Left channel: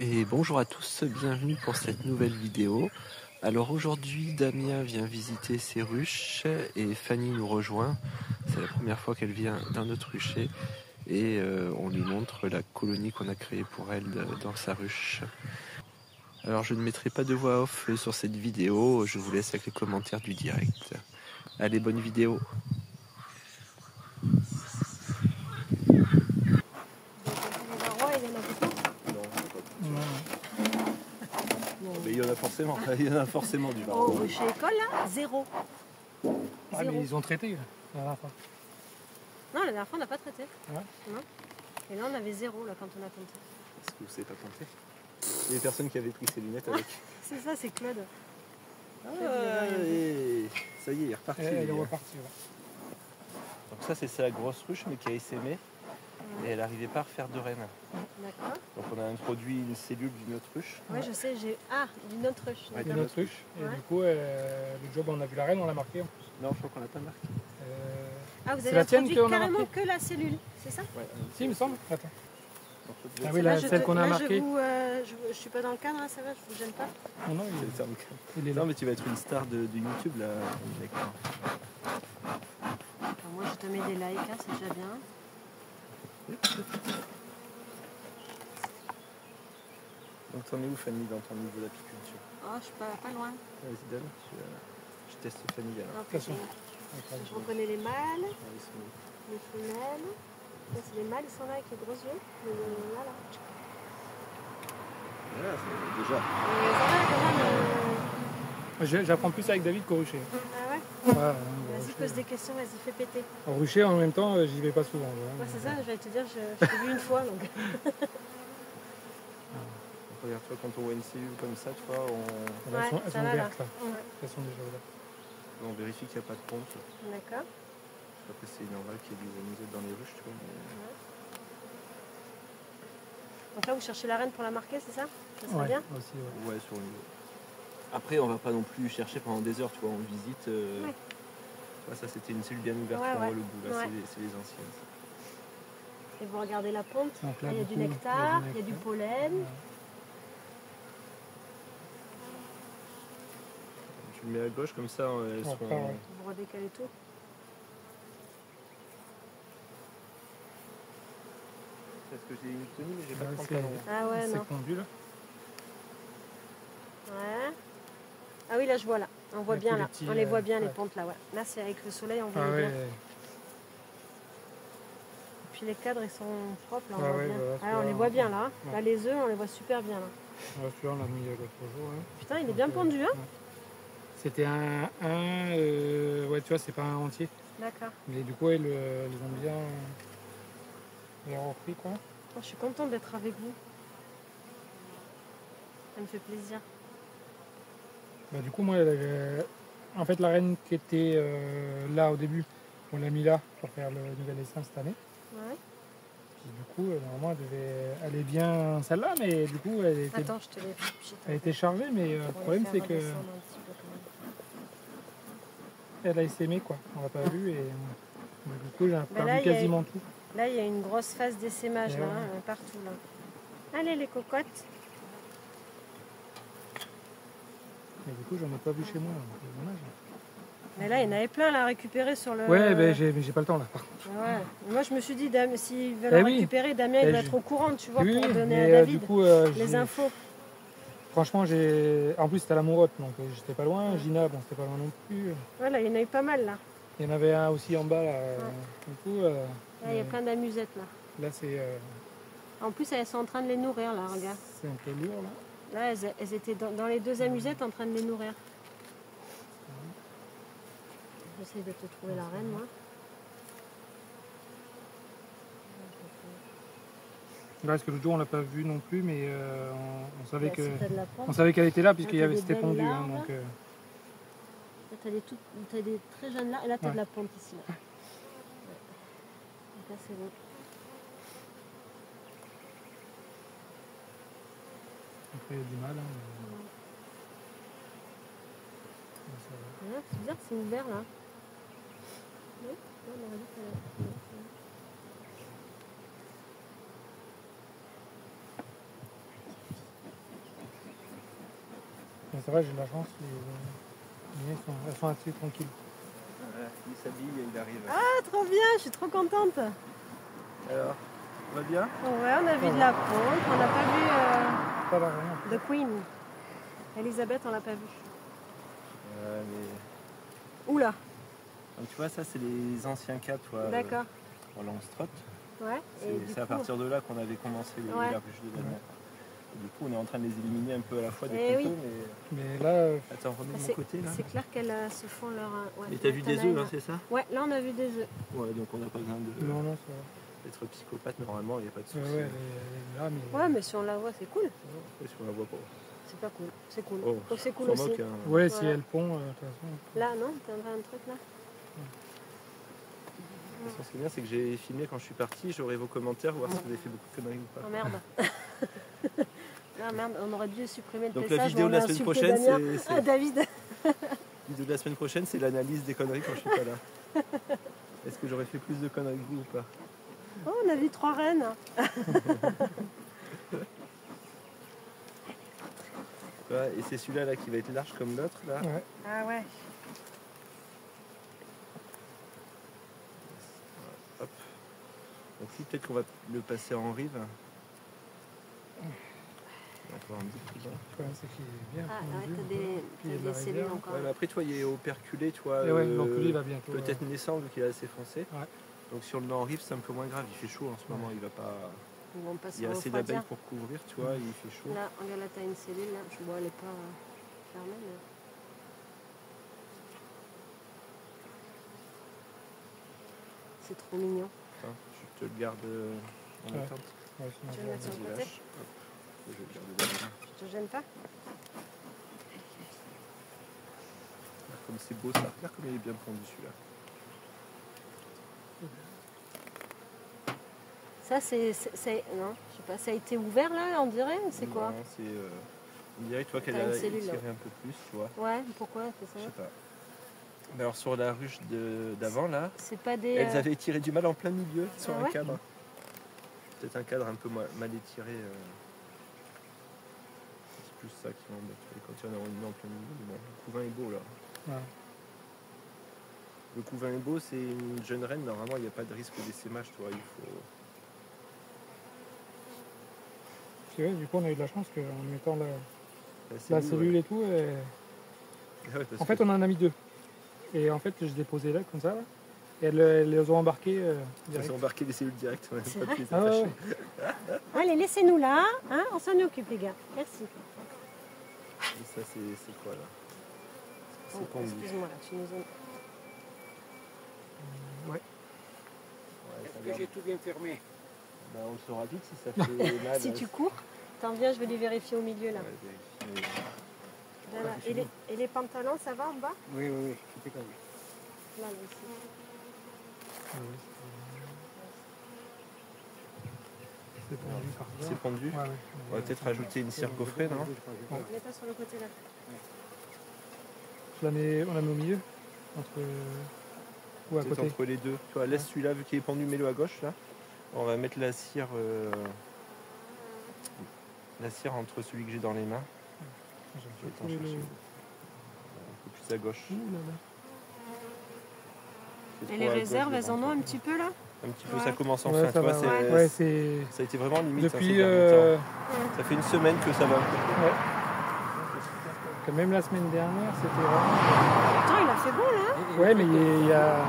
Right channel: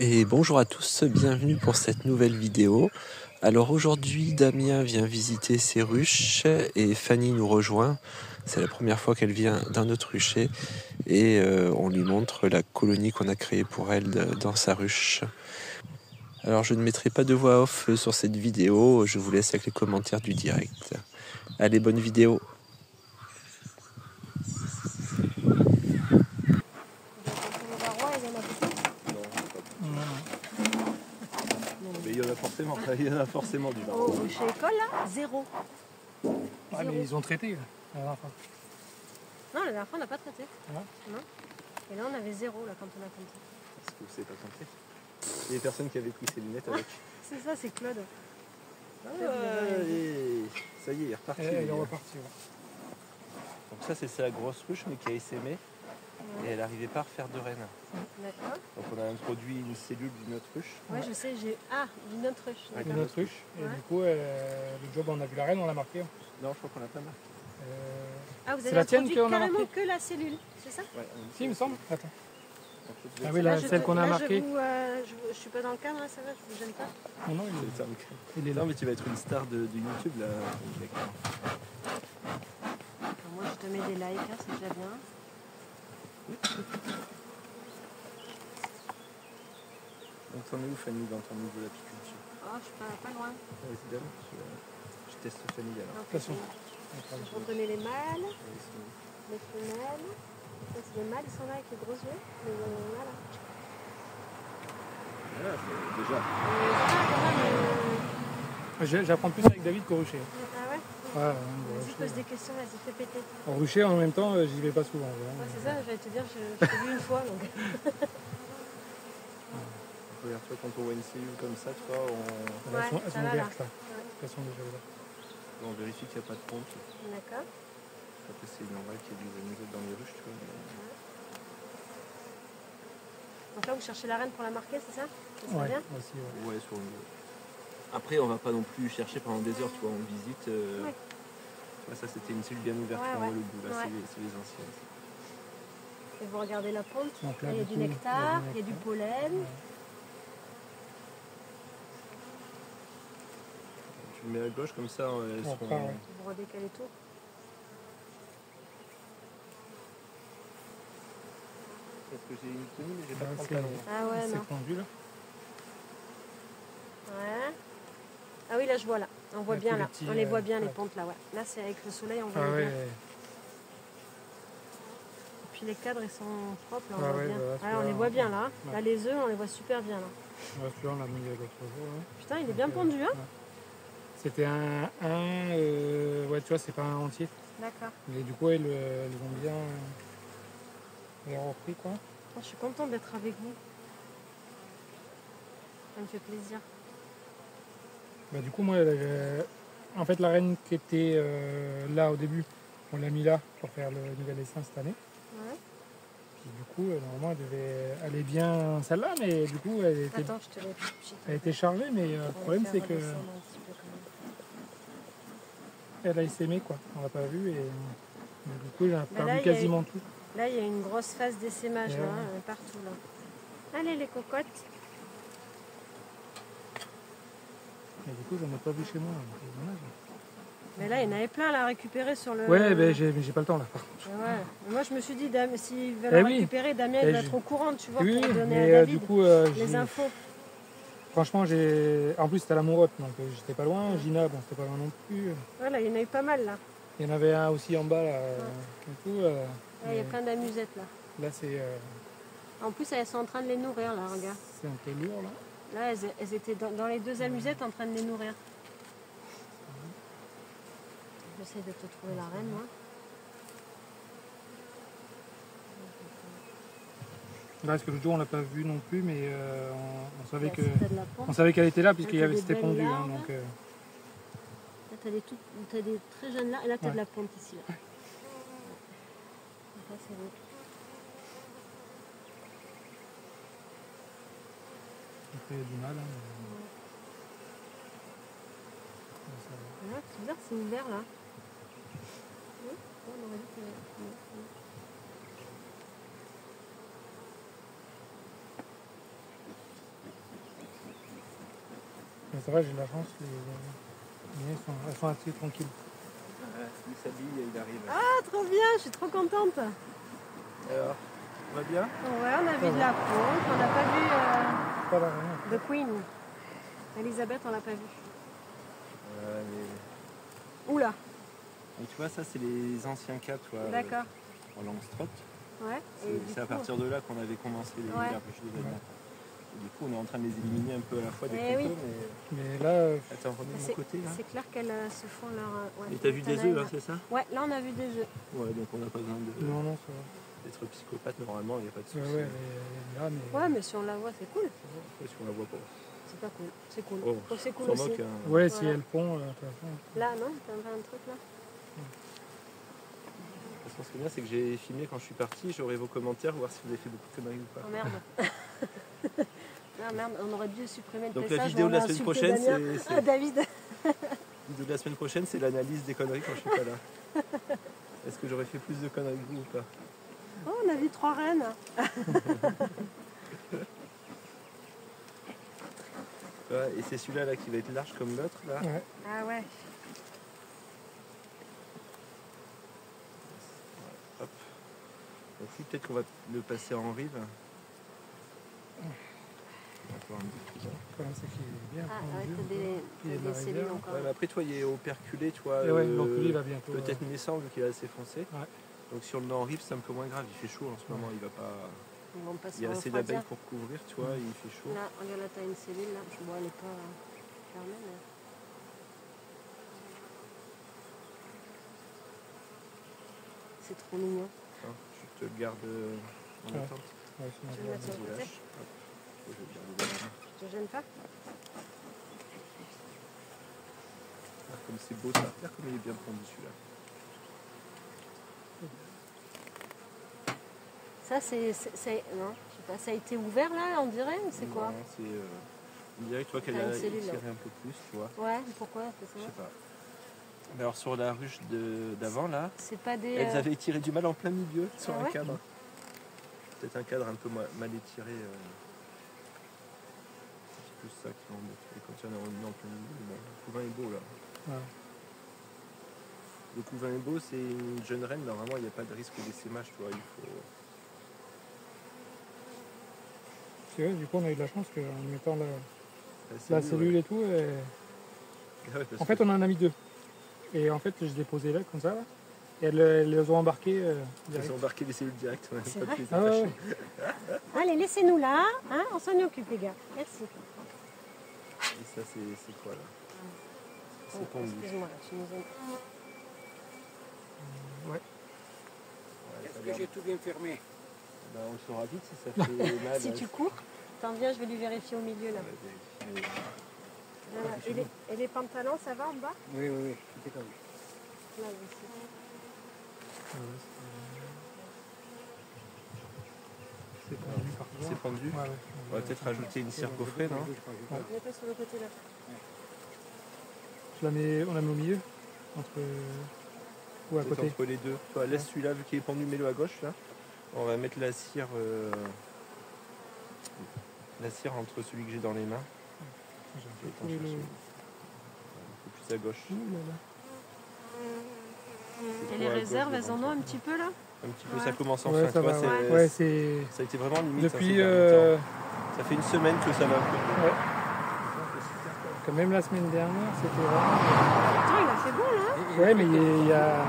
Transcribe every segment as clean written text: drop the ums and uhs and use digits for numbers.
Et bonjour à tous, bienvenue pour cette nouvelle vidéo. Alors aujourd'hui Damien vient visiter ses ruches et Fanny nous rejoint. C'est la première fois qu'elle vient dans notre rucher et on lui montre la colonie qu'on a créée pour elle dans sa ruche. Alors je ne mettrai pas de voix off sur cette vidéo, je vous laisse avec les commentaires du direct. Allez, bonne vidéo. Mais il y en a forcément du varroa. Oh, chez l'école, là, zéro. Ah, mais ils ont traité la dernière fois. Non, la dernière fois, on n'a pas traité. Ouais. Non. Et là, on avait zéro là, quand on a compté. Est-ce que vous savez pas compter? Il y a des personnes qui avaient pris ses lunettes avec. C'est ça, c'est Claude. Ça y est, il est reparti. Il est reparti, ouais. Donc ça c'est sa grosse ruche mais qui a essaimé et elle n'arrivait pas à refaire de reine. D'accord. Donc on a introduit une cellule d'une autre ruche. Moi, je sais, j'ai. Ah, une autre ruche. Ouais, Une autre ruche. Et du coup, le job, on a vu la reine, on l'a marqué. Non, je crois qu'on n'a pas marqué. Ah, vous C'est avez la tienne introduit qu'on a carrément marquée que la cellule, c'est ça? Ouais, Si, il me semble. Attends. Ah oui, oui, Là, celle qu'on a là, marquée. Je suis pas dans le cadre, là, ça va, je vous gêne pas. Non, non, il est là. Non, mais tu vas être une star de YouTube là. Moi, je te mets des likes, hein, c'est déjà bien. Donc t'en es où Fanny dans ton niveau d'apiculture? Oh, je suis pas loin. Vas-y, donne. Je teste Fanny là. Alors, De toute façon. vous prenez les mâles, les femelles. Ça, c'est les mâles, ils sont là avec les gros yeux. Voilà. Déjà. J'apprends plus avec David qu'au rucher. Ah ouais? Ouais, Vas-y, pose des questions, vas-y, fais péter. au rucher, en même temps, j'y vais pas souvent. C'est ça, j'allais te dire, je t'ai vu une fois. Donc. Regarde, toi, quand on voit une cellule comme ça, tu vois, Elles sont ça va, ouvertes, là. là. Ouais. Elles sont déjà ouvertes. on vérifie qu'il n'y a pas de pompe. D'accord. Après, c'est normal qu'il y ait des animaux dans les ruches, tu vois. Donc là, vous cherchez la reine pour la marquer, c'est ça? Ça serait Ouais, bien? aussi, ouais. Ouais, sur une... Après, on va pas non plus chercher pendant des heures, tu vois, on visite. Oui. Là, ça, c'était une cellule bien ouverte, Ouais, tu vois, ouais. le bout, là, Ouais. c'est les anciennes. Et vous regardez la ponte. Donc là, Là, il y a du du coup, nectar, il y a du pollen. Ouais. Tu le mets à gauche, comme ça, elles On seront... repart, ouais. Vous redécalez tout. Parce que j'ai une toune, j'ai pas Là, de c'est pantalon. Ah ouais, non. pendu, là. Ouais. Ah oui, là, je vois là. On voit Avec bien les là. petits, On les voit bien, les ouais. pontes là, ouais. Là, c'est avec le soleil, on voit Ah bien. ouais. Et puis les cadres, ils sont propres là, on Ah voit ouais, bien. bah, Ah, on celui-là, les voit bien là. ouais. Là, les œufs, on les voit super bien là. Ouais, celui-là, on l'a mis l'autre jour. Hein. Putain, il est bien pendu, hein? Ouais. C'était un ouais, tu vois, c'est pas un entier. D'accord. Mais du coup, ils ont bien repris, quoi. Oh, je suis contente d'être avec vous. Ça me fait plaisir. Bah, du coup, moi, en fait, la reine qui était là au début, on l'a mis là pour faire le nouvel essaim cette année. Ouais. Puis du coup, normalement, elle devait aller bien celle-là, mais du coup, Attends, je te l'ai fait. elle était chargée, mais le problème, c'est que elle a essaimé, quoi. On l'a pas vu, et du coup, elle a perdu là, quasiment tout. Là, il y a une grosse phase d'essaimage Et là, ouais. partout. Là. Allez, les cocottes. Mais du coup, j'en ai pas vu chez moi, donc c'est dommage. Mais là, il y en avait plein là, à récupérer sur le... Ouais, mais j'ai pas le temps, là, par contre. Ouais. Moi, je me suis dit, s'ils veulent Eh oui. récupérer, Damien, il doit être au courant, tu vois, Oui, pour donner mais à David du coup, les infos. franchement, en plus, c'était à la Mourotte, donc j'étais pas loin. Gina, bon, c'était pas loin non plus. Voilà, il y en a eu pas mal là. Il y en avait un aussi en bas, là. Du coup, Là, il y a mais plein d'amusettes là. là, c'est En plus, elles sont en train de les nourrir là, regarde. un peu lourd, là. Là, elles étaient dans les deux amusettes en train de les nourrir. J'essaie de te trouver la reine, moi. Là, parce que l'autre jour, on l'a pas vu non plus, mais on savait Là, que si t'as de la pointe. on savait qu'elle était là, Là, puisqu'il y t'as avait des c'était belles pendu. Hein, larves. donc, Là, t'as des très jeunes là. Et là, t'as Ouais. de la pointe ici. Là. Ouais. Donc là, c'est l'autre. après, il y a du mal. Hein, mais ça va. Ah, c'est bizarre, c'est ouvert là. Oui, on aurait dit que... Mais ça va, j'ai de la chance, les miens elles sont assez tranquilles. Il s'habille et il arrive. Ah, trop bien, je suis trop contente. Alors, ça va bien? Ouais, on a vu de la pompe, on n'a pas vu Pas la reine. The Queen. Elisabeth, on l'a pas vue. Ouais, mais... Oula, Donc, tu vois, ça, c'est les anciens cas, toi. d'accord. En Langstroth. Ouais. Et du C'est à coup, partir de là qu'on avait commencé Ouais. la ruche de Danemark. Et du coup, on est en train de les éliminer un peu à la fois des Eh coteaux, oui. mais... Mais là, Attends, remets de mon c'est côté, là. c'est clair qu'elles se font leur... ouais, Mais t'as vu des tanaille. œufs, hein, c'est ça? Ouais, là on a vu des œufs. Ouais, donc on n'a pas besoin non, ça va. d'être psychopathe, normalement, il n'y a pas de souci. Ouais, elle est là, mais. Ouais, mais si on la voit, c'est cool. Après, si on la voit pas. C'est pas cool. C'est cool. Oh, Donc c'est cool sûrement aussi. qu'il y a un... Ouais, si elle pond, de toute façon. Là, non, t'aimerais un truc là? De toute façon, ce qui est bien, c'est que j'ai filmé quand je suis parti, j'aurai vos commentaires, voir si vous avez fait beaucoup de conneries ou pas. Oh merde. Ah merde, on aurait dû supprimer le Donc message. la vidéo de mais la on a semaine insulté prochaine, Damien. c'est... Ah, David. La vidéo de la semaine prochaine, c'est l'analyse des conneries quand je suis pas là. Est-ce que j'aurais fait plus de conneries que vous ou pas? Oh, on a vu 3 rennes. Ouais, et c'est celui-là là, qui va être large comme l'autre là. Ouais. Ah ouais. Hop. Et puis peut-être qu'on va le passer en rive. On va voir un petit peu là. Le problème, c'est qu'il est bien Ah, pendu. ouais, t'as des, Il y a de la des cellules réserve. encore. Ouais, mais après toi il est operculé, tu vois. Et ouais, donc lui, il va bientôt. Peut-être naissant vu qu'il est assez foncé. Ouais. Donc si on le met en rive, c'est un peu moins grave. Il fait chaud en ce moment, il va pas. Ils vont pas se Il y a assez refroidir. d'abeilles pour couvrir, tu vois, il fait chaud. Là, regarde, là, t'as une cellule. Là. Je vois, elle est pas fermée, mais... C'est trop mignon. Attends, je te le garde en Ouais. attente. Ouais, sinon, Tu je veux vais- mettre sur le Vas-y, côté? lâche. Hop. Je vais le garder là. Tu te gênes pas? Comme c'est beau, ça va faire comme il est bien pondu celui-là. Ça, non, je sais pas, ça a été ouvert là, on dirait, ou c'est quoi? Non, c'est, on dirait que tu vois qu'elle T'as une a cellule, étiré là. un peu plus, tu vois. Ouais, pourquoi? Je sais pas. Mais alors sur la ruche d'avant là, C'est pas des... elles avaient tiré du mal en plein milieu sur Ah un ouais cadre. Peut-être un cadre un peu mal étiré. C'est plus ça qui m'embête. Quand il y en a un en plein milieu, mais bon, le couvain est beau là. Ouais. Le couvain est beau, c'est une jeune reine, normalement il n'y a pas de risque d'essaimage, tu vois. Il faut... C'est vrai, du coup, on a eu de la chance qu'en mettant la La cellule et tout, ouais, parce en fait, que- on en a mis 2. Et en fait, je les ai posées là, comme ça, là. Et elles les ont embarquées Ils direct. ont embarqué les cellules directes. On a C'est pas vrai pu les Ah ouais, attacher. ouais. Allez, laissez-nous là, hein, on s'en occupe les gars. Merci. Et ça, c'est quoi là? Oh, C'est tendu. excuse-moi, tu nous as... Ouais. Ouais, Est-ce ça que va. j'ai tout bien fermé? Bah, on le saura vite si ça fait mal. Si tu cours, t'en viens, je vais les vérifier au milieu là. Ouais, vérifie. Voilà. Et les pantalons, ça va en bas? Oui, oui, oui, tout est comme Là, là, ici. Ah ouais, c'est pendu partout. C'est pendu. Ouais, ouais. On va peut-être rajouter une cire coffrée, non? On est pas sur le côté là. On la met au milieu, entre ou à Peut-être côté. entre les deux. Toi, laisse Ouais. celui-là, vu qu'il est pendu, mets-le à gauche là. On va mettre la cire entre celui que j'ai dans les mains. J'ai Je un vais peu t'en trouvé chercher le. un peu plus à gauche. Ouh là là. C'est Et trop les à gauche réserves, elles en devant ont toi. un petit peu là? Un petit peu, Ouais. ça commence enfin. Ouais, tu ça vois, va. c'est- Ouais, c'est. Ça a été vraiment limite. Depuis. ces derniers temps. Ça fait une semaine que ça va un peu. Ouais. Que même la semaine dernière, c'était vraiment. Attends, il a fait beau là. Ouais, mais il y a.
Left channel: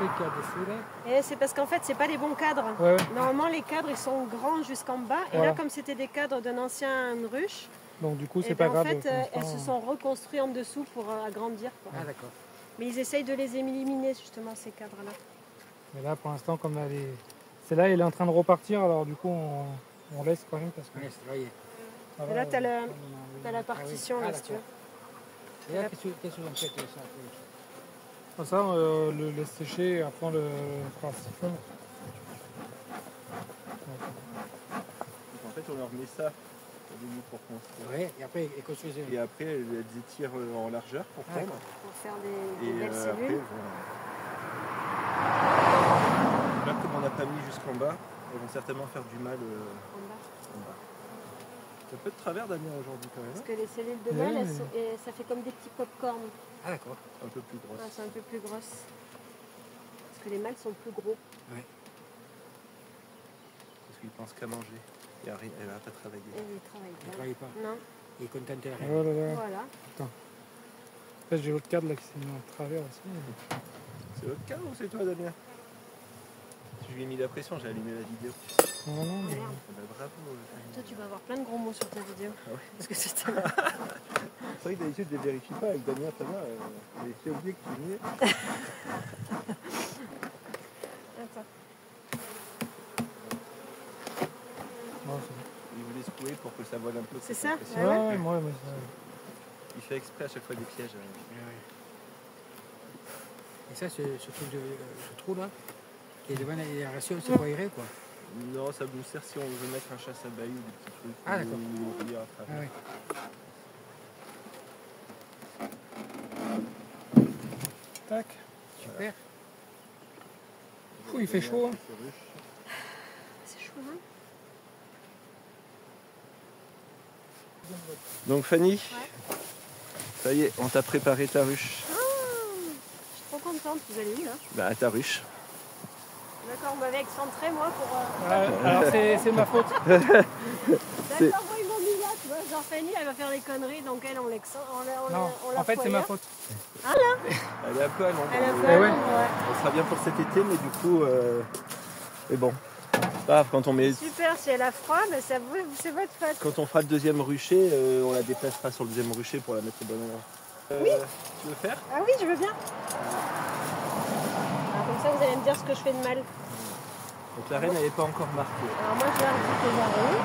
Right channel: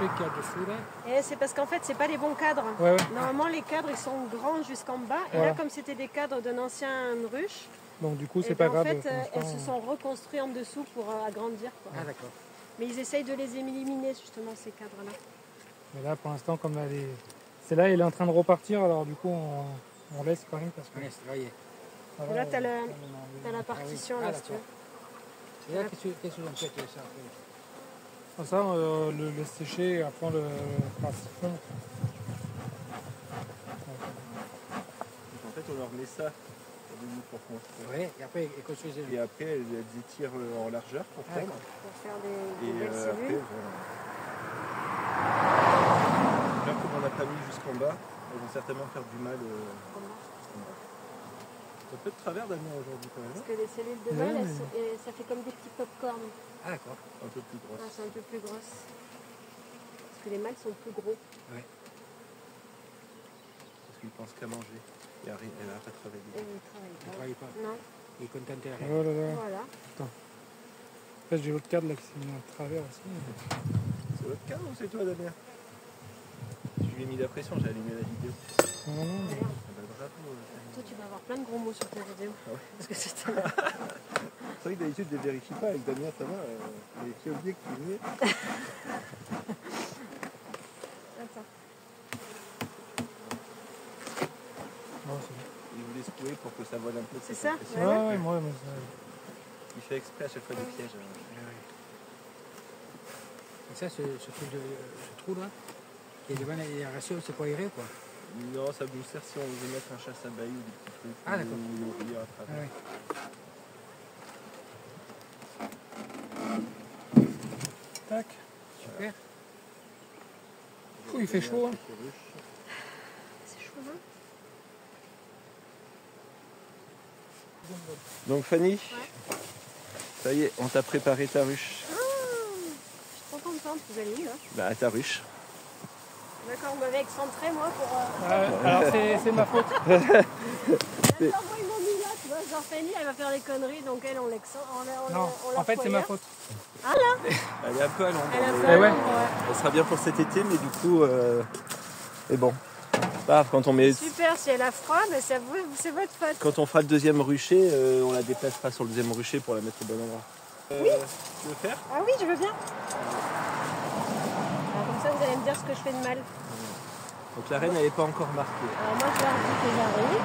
Le truc qu'il y a dessous là, Et c'est parce qu'en fait, c'est pas les bons cadres. Ouais, ouais. Normalement, les cadres, ils sont grands jusqu'en bas. Et Voilà. là, comme c'était des cadres d'un ancien ruche, Donc du coup, et c'est pas ben, grave. en fait, pour elles l'instant. se sont reconstruites en dessous pour agrandir. Quoi. ah d'accord. Mais ils essayent de les éliminer, justement, ces cadres-là. Mais là, pour l'instant, comme elle est. Celle-là, elle est en train de repartir, alors du coup, on laisse quand même parce que. Ouais, c'est vrai. ça Et va, là, t'as euh, la partition, Ah, là, si tu veux. Et là, qu'est-ce que vous en faites ça? Comme ça, le laisse sécher et après on le fera fondre. Donc, en fait, on leur met ça au début pour construire. Oui, et après, et construisez. Et après, elles étirent en largeur pour Ouais. prendre. Pour faire des Et belles après, cellules. voilà. Là, comme on n'a pas mis jusqu'en bas, elles vont certainement faire du mal en bas. Donc fait de travers Damien aujourd'hui quand Parce même. que les cellules de Ouais, mâle, mais- ça fait comme des petits pop-corn. Ah, d'accord. Un peu plus grosse. Ouais, c'est un peu plus grosse. Parce que les mâles sont plus gros. Parce qu'il pense qu'à manger. Il n'arrête pas de travailler. Et ils travaillent Il ne pas. travaille pas. Non, Il est content de la Oh là là. voilà. Là, j'ai votre cadre là qui s'est mis en travers aussi. C'est votre cas ou c'est toi Damien? Je lui ai mis la pression, j'ai allumé la vidéo. Non, non, mais... Merde. Ah bah, bravo. Toi, tu vas avoir plein de gros mots sur ta vidéo. Ah ouais. Parce que c'était là. C'est vrai que d'habitude je ne vérifie pas. Avec Damien ça va. J'ai oublié que tu venais. Attends. Non, c'est bon. Il voulait secouer pour que ça vole un peu. C'est ça? pression. Ouais, ouais, moi, Il fait exprès à chaque fois des pièges. Et ça, ce truc de ce trou là, qui est devant l'aération, c'est pas aéré quoi. Non, ça vous sert si on veut mettre un chasse à bahut ou des petits trucs. Ah, d'accord. Ou ouvrir à Ah, travers. ouais. Tac. Super. Ouh, il fait chaud. Hein. C'est chaud, hein? Donc Fanny, Ouais. ça y est, on t'a préparé ta ruche. Je suis trop contente, vous allez où là? Bah ta ruche. D'accord, on m'avait excentré moi pour. Alors, c'est ma faute. D'accord, moi ils m'ont mis là, tu vois. Genre Fanny, elle va faire des conneries, donc elle, on l'excentre. Non, en fait, c'est ma faute. Elle est un peu à l'ombre. Elle a Ouais, fait un ouais. nombre, ouais. Elle sera bien pour cet été, mais du coup, mais bon. Pas grave, quand Super, si elle a froid, mais c'est votre faute. quand on fera le deuxième rucher, on la déplacera sur le deuxième rucher pour la mettre au bon endroit. Tu veux faire? Ah oui, je veux bien. Ah, comme ça, vous allez me dire ce que je fais de mal. Donc la reine, elle n'est pas encore marquée. Alors moi, je leur dis que j'arrive.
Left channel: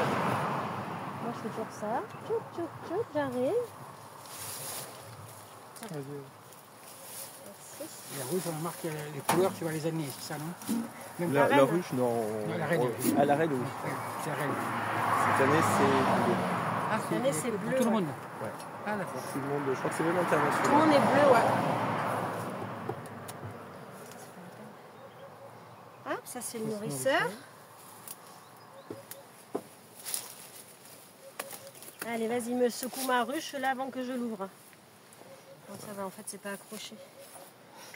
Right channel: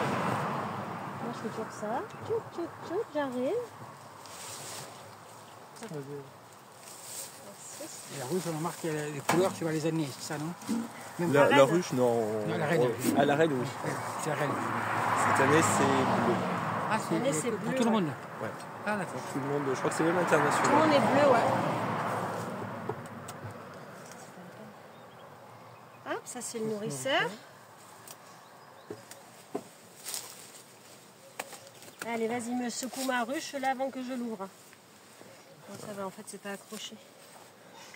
Moi, je fais toujours ça. Tchouk, tchouk, tchouk, j'arrive. Merci. Et la rouge, on marque les couleurs, tu vas les amener, c'est ça, non? Même La, La la reine. ruche, non. Non, la reine. Ah, la reine, oui. Ouais, c'est la reine. Cette année, c'est bleu. Ah, Cette année, c'est de bleu, tout le ouais. monde. Ouais. Ah, d'accord. Tout le monde, je crois que c'est même Tout le international. monde est bleu, ouais. Hop, ça c'est le nourrisseur. Allez, vas-y, me secoue ma ruche là avant que je l'ouvre. Bon, ça va, en fait, c'est pas accroché.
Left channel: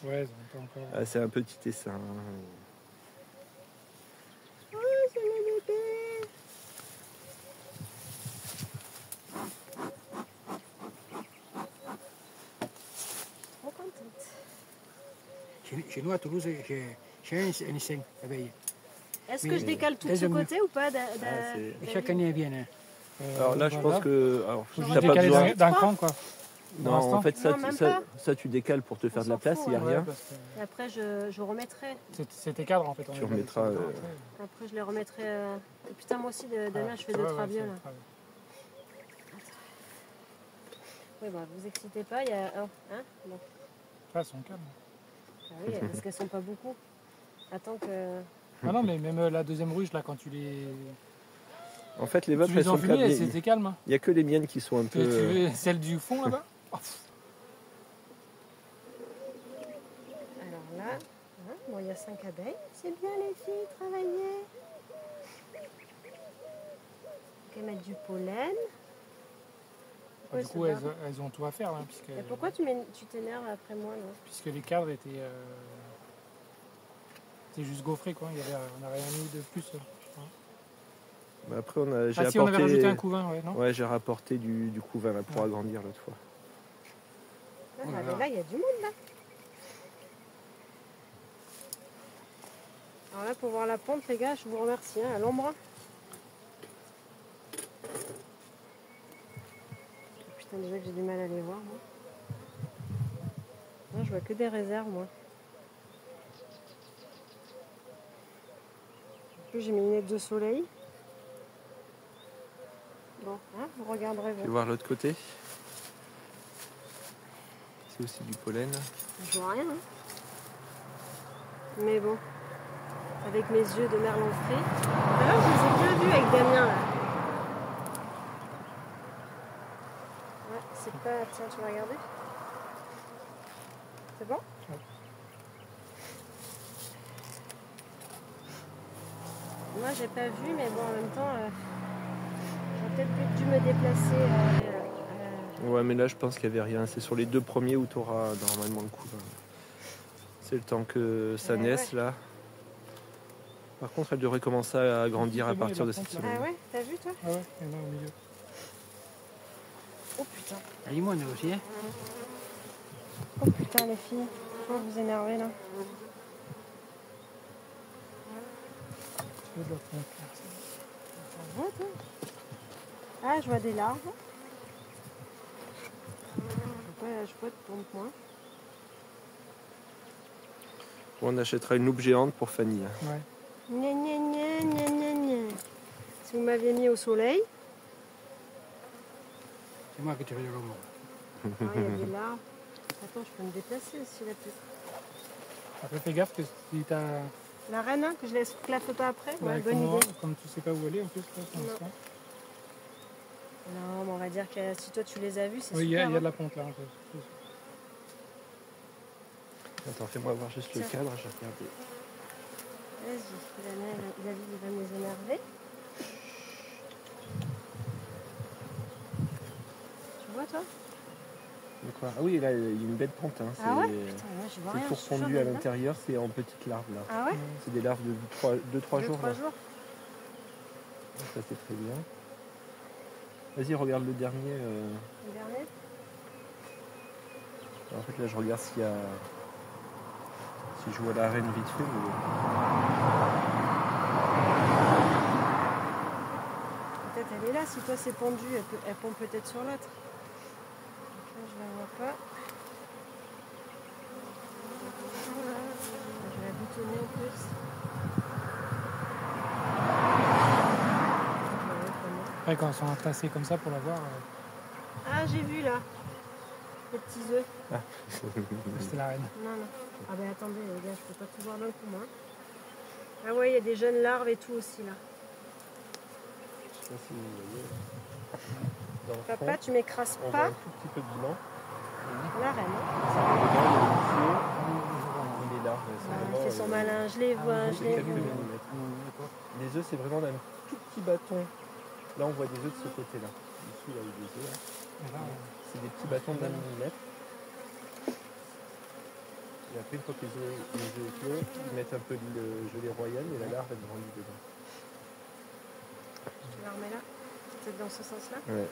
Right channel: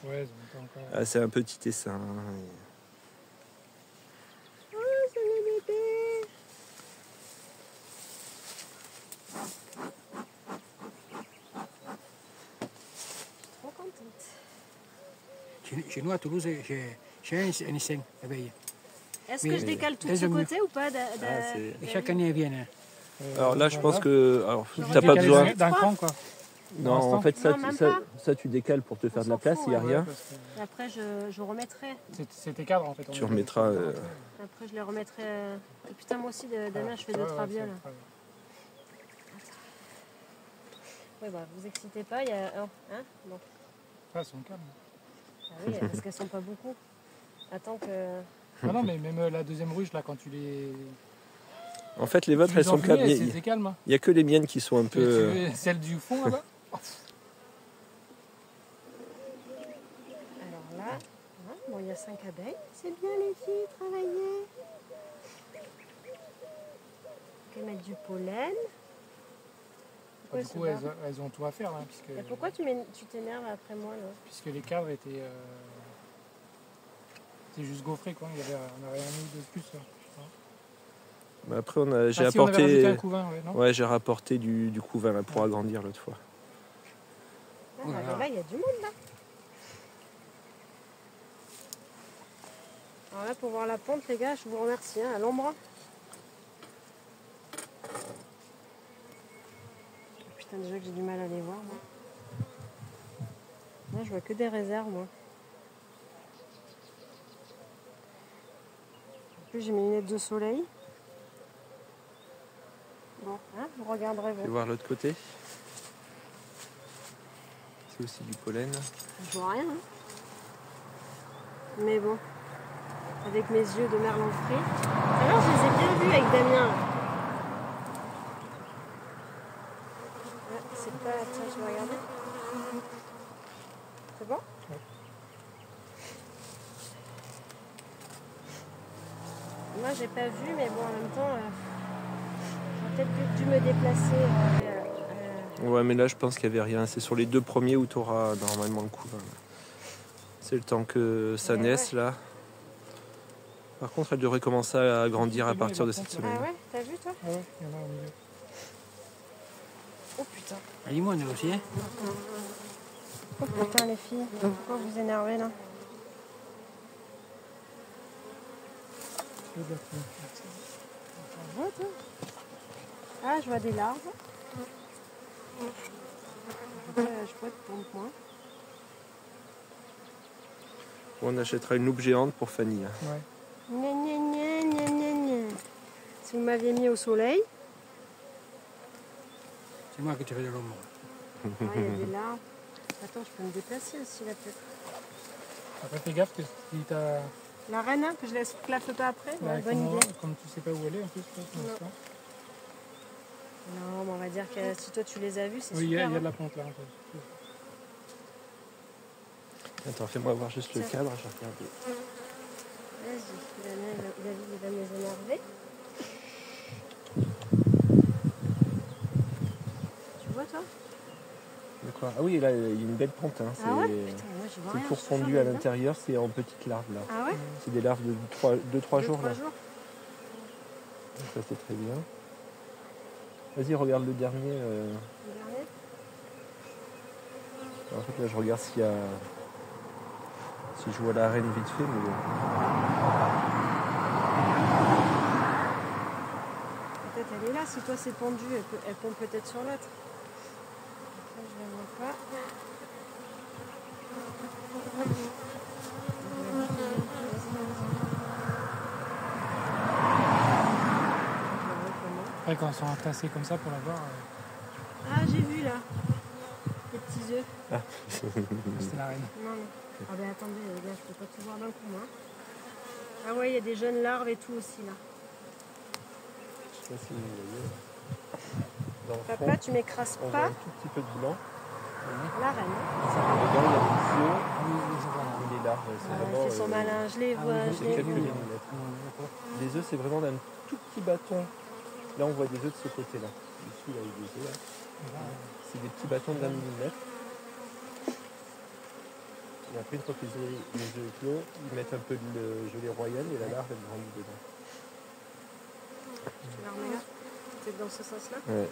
Ouais, c'est bon. Ah, c'est un petit essaim. Oh, c'est le bébé. Trop contente. Chez nous, à Toulouse, j'ai un essaim d'abeilles. Est-ce Mais que je décale tout de elles ce ont mieux. côté ou pas c'est- Et chaque année, elles viennent. Alors là, je pense que. Alors, J'aurais t'as dû pas décaler besoin. ça. D'un cran, quoi. Non, en fait, Non, même pas. ça, tu décales pour te faire de la s'en place, fout, il n'y a ouais. rien. Parce que Et après, je remettrai. c'était cadre, en fait. Tu remettras, Après, je les remettrai. Et putain, moi aussi, Damien, je fais de traviole. Oui, bah, vous excitez pas, il y a un. Hein bon. Elles sont calmes. Ah oui, parce qu'elles sont pas beaucoup. Attends que. Ah non, mais même la deuxième ruche, là, quand tu les. En fait, les vôtres, tu elles les sont enfumées, calmes. c'est calme. Hein. Il n'y a que les miennes qui sont un Tu peu. veux celle du fond, là-bas. Alors là, hein, bon, il y a 5 abeilles. C'est bien, les filles, travailler. Ok, mettre du pollen. Pourquoi Du elles coup, se barrent elles ont tout à faire, là, Et pourquoi tu t'énerves après moi, là? puisque les cadres étaient juste gaufrés, quoi. On n'avait rien mis de plus. Bah, après, j'ai Ah, si, on avait rajouté apporté. un couvain, ouais, non? Ouais, j'ai rapporté du couvain là, pour agrandir l'autre fois. Ah, Oui, mais là. là, il y a du monde, là. Alors là, pour voir la pente, les gars, je vous remercie, hein, à l'ombre. Putain, déjà que j'ai du mal à les voir, moi. Non, je vois que des réserves, moi. En plus, j'ai mes lunettes de soleil. Bon, hein, vous regarderez, Tu veux vous. voir l'autre côté? C'est aussi du pollen. Je vois rien, hein. Mais bon, avec mes yeux de merlan frit. Alors, je les ai bien vus avec Damien, là. Ouais, c'est pas... Tiens, tu vas regarder? C'est bon? Ouais. Moi, j'ai pas vu, mais bon, en même temps, peut-être dû me déplacer. Ouais, mais là, je pense qu'il n'y avait rien. C'est sur les 2 premiers où tu auras normalement le couvain. C'est le temps que ça naisse, là. Par contre, elle devrait commencer à grandir à partir de cette semaine. Ah ouais, t'as vu toi? Ah ouais, on est au milieu. Oh putain. Dis-moi, nous aussi. Hein. Oh putain les filles, pourquoi vous énervez là? C'est de la pompe. Ça va, toi? Ah, je vois des larves. Je vois de pompe moi. On achètera une loupe géante pour Fanny. Hein. Ouais. Gna, gna, gna, gna, gna, gna. Si vous m'aviez mis au soleil, C'est moi qui te fais le l'ombre. ah, il y a des larves. Attends, je peux me déplacer ici là peut-être. Après, fais gaffe que si t'as. La reine, hein, que je laisse claffe pas après. Ouais, Ouais, bonne idée. comme tu sais pas où aller en plus. Là, pour Non. l'instant. Non, mais on va dire que si toi tu les as vus, c'est Oui, il y a super. de Hein. la pompe là. Un peu. Attends, fais-moi voir juste le Tiens. cadre, j'ai regardé. Vas-y, David, il va nous énerver. Tu vois toi? De quoi? Ah oui, là, il y a une belle pente. Hein. Ah ouais? Putain, moi je vois C'est rien. tout je suis sûre, refondu à là. l'intérieur, c'est en petites larves là. Ah ouais? C'est des larves de 2-3 jours. 2-3 là. jours. Ça c'est très bien. Vas-y, regarde le dernier. Le dernier? En fait, là, je regarde s'il y a. Si je vois la reine vite fait. Mais... Peut-être elle est là. Si toi c'est pendu, elle pompe peut-être sur l'autre. Là, je la vois pas. Je vais la boutonner en plus. Je la vois comment. Après, quand ils sont entassés comme ça pour la voir, Ah, j'ai vu là. Les petits œufs. c'était la reine. Non, non. Ah ben attendez les gars, je peux pas tout voir d'un coup moi. Ah ouais, il y a des jeunes larves et tout aussi là. Ça, c'est, vous voyez, dans le Papa, fond, tu m'écrases on voit pas un tout petit peu de blanc. la reine. Hein. Dedans, il y a les larves. c'est Ah, il vraiment, fait son malin, je les vois, c'est je les quelques vois. millimètres. Les œufs, c'est vraiment d'un tout petit bâton. Là, on voit des œufs de ce côté-là. Ici, là, il y a des œufs. Là. C'est des petits bâtons d'1 millimètre. Et après, une fois que les œufs éclos, ils mettent un peu de gelée royale et la larve, elle grandit dedans. Tu la remets là? Peut-être dans ce sens-là? Ouais.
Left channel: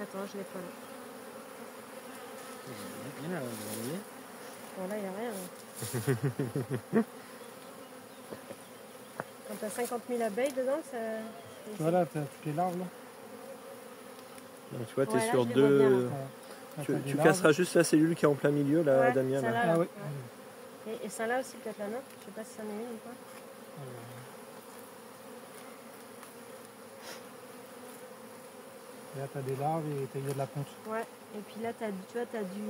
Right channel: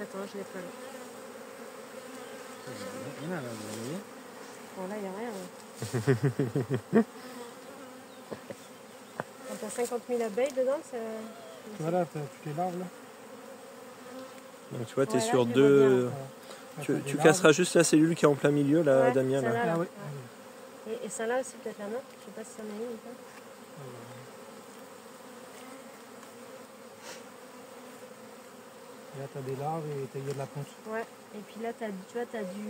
Attends, je l'ai pas là. Vous voyez? Bon là, il n'y a rien. Hein. Quand t'as 50 000 abeilles dedans, ça... Voilà, t'as toutes les larves là. Donc, tu vois, tu es Ouais, là, sur je les vois bien, deux. là. Voilà. Tu T'as des casseras larves. juste la cellule qui est en plein milieu, là, Ouais, Damien. celle-là, Là. là. Ah oui. Ouais. Et celle-là aussi, peut-être là, non? Je sais pas si c'en est une ou pas. Et là, t'as des larves et il y a de la ponce. Ouais. Et puis là, tu vois, t'as du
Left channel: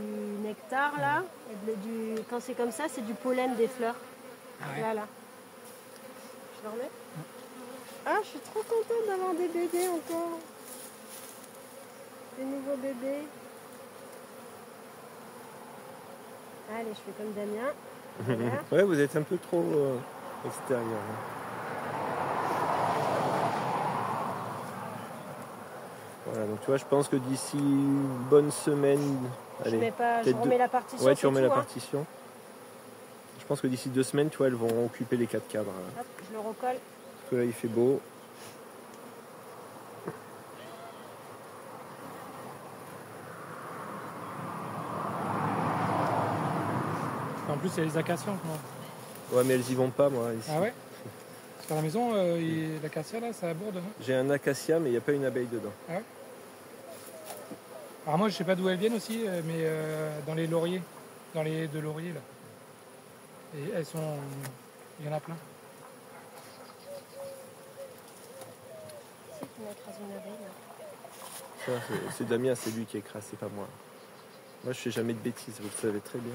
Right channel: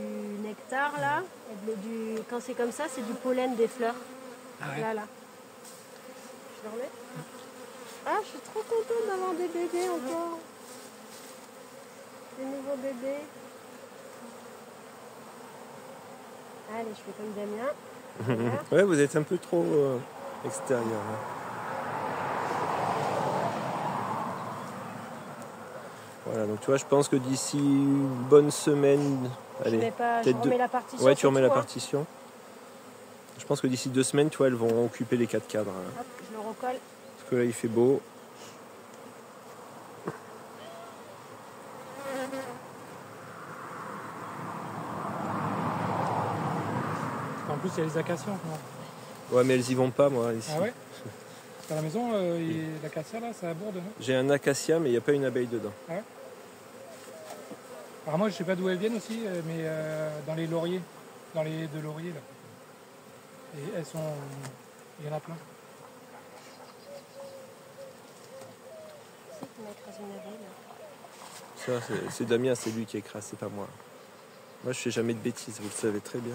nectar là. Et quand c'est comme ça, c'est du pollen des fleurs. Ah ouais. Là. Je le remets? Ah, je suis trop contente d'avoir des bébés encore. Des nouveaux bébés. Allez, je fais comme Damien. Voilà. Ouais, vous êtes un peu trop extérieur. Là. Voilà, donc tu vois, je pense que d'ici une bonne semaine, Je allez, mets pas, je peut-être remets la partition. ouais, tu c'est remets tout, la hein. partition. Je pense que d'ici 2 semaines, tu vois, elles vont occuper les 4 cadres. Là. Hop, je le recolle. Parce que là, il fait beau. En plus, il y a les acacias. Ouais, mais elles y vont pas, moi. Ici. Ah ouais? Parce qu'à la maison, l'acacia là, ça aborde. Non? J'ai un acacia, mais il n'y a pas une abeille dedans. Alors moi, je sais pas d'où elles viennent aussi, mais dans les lauriers, dans les deux lauriers là. Et elles sont, il y en a plein. C'est qui m'a écrasé une abeille là. Ça, c'est Damien, c'est lui qui écrase, c'est pas moi. Moi, je fais jamais de bêtises, vous le savez très bien.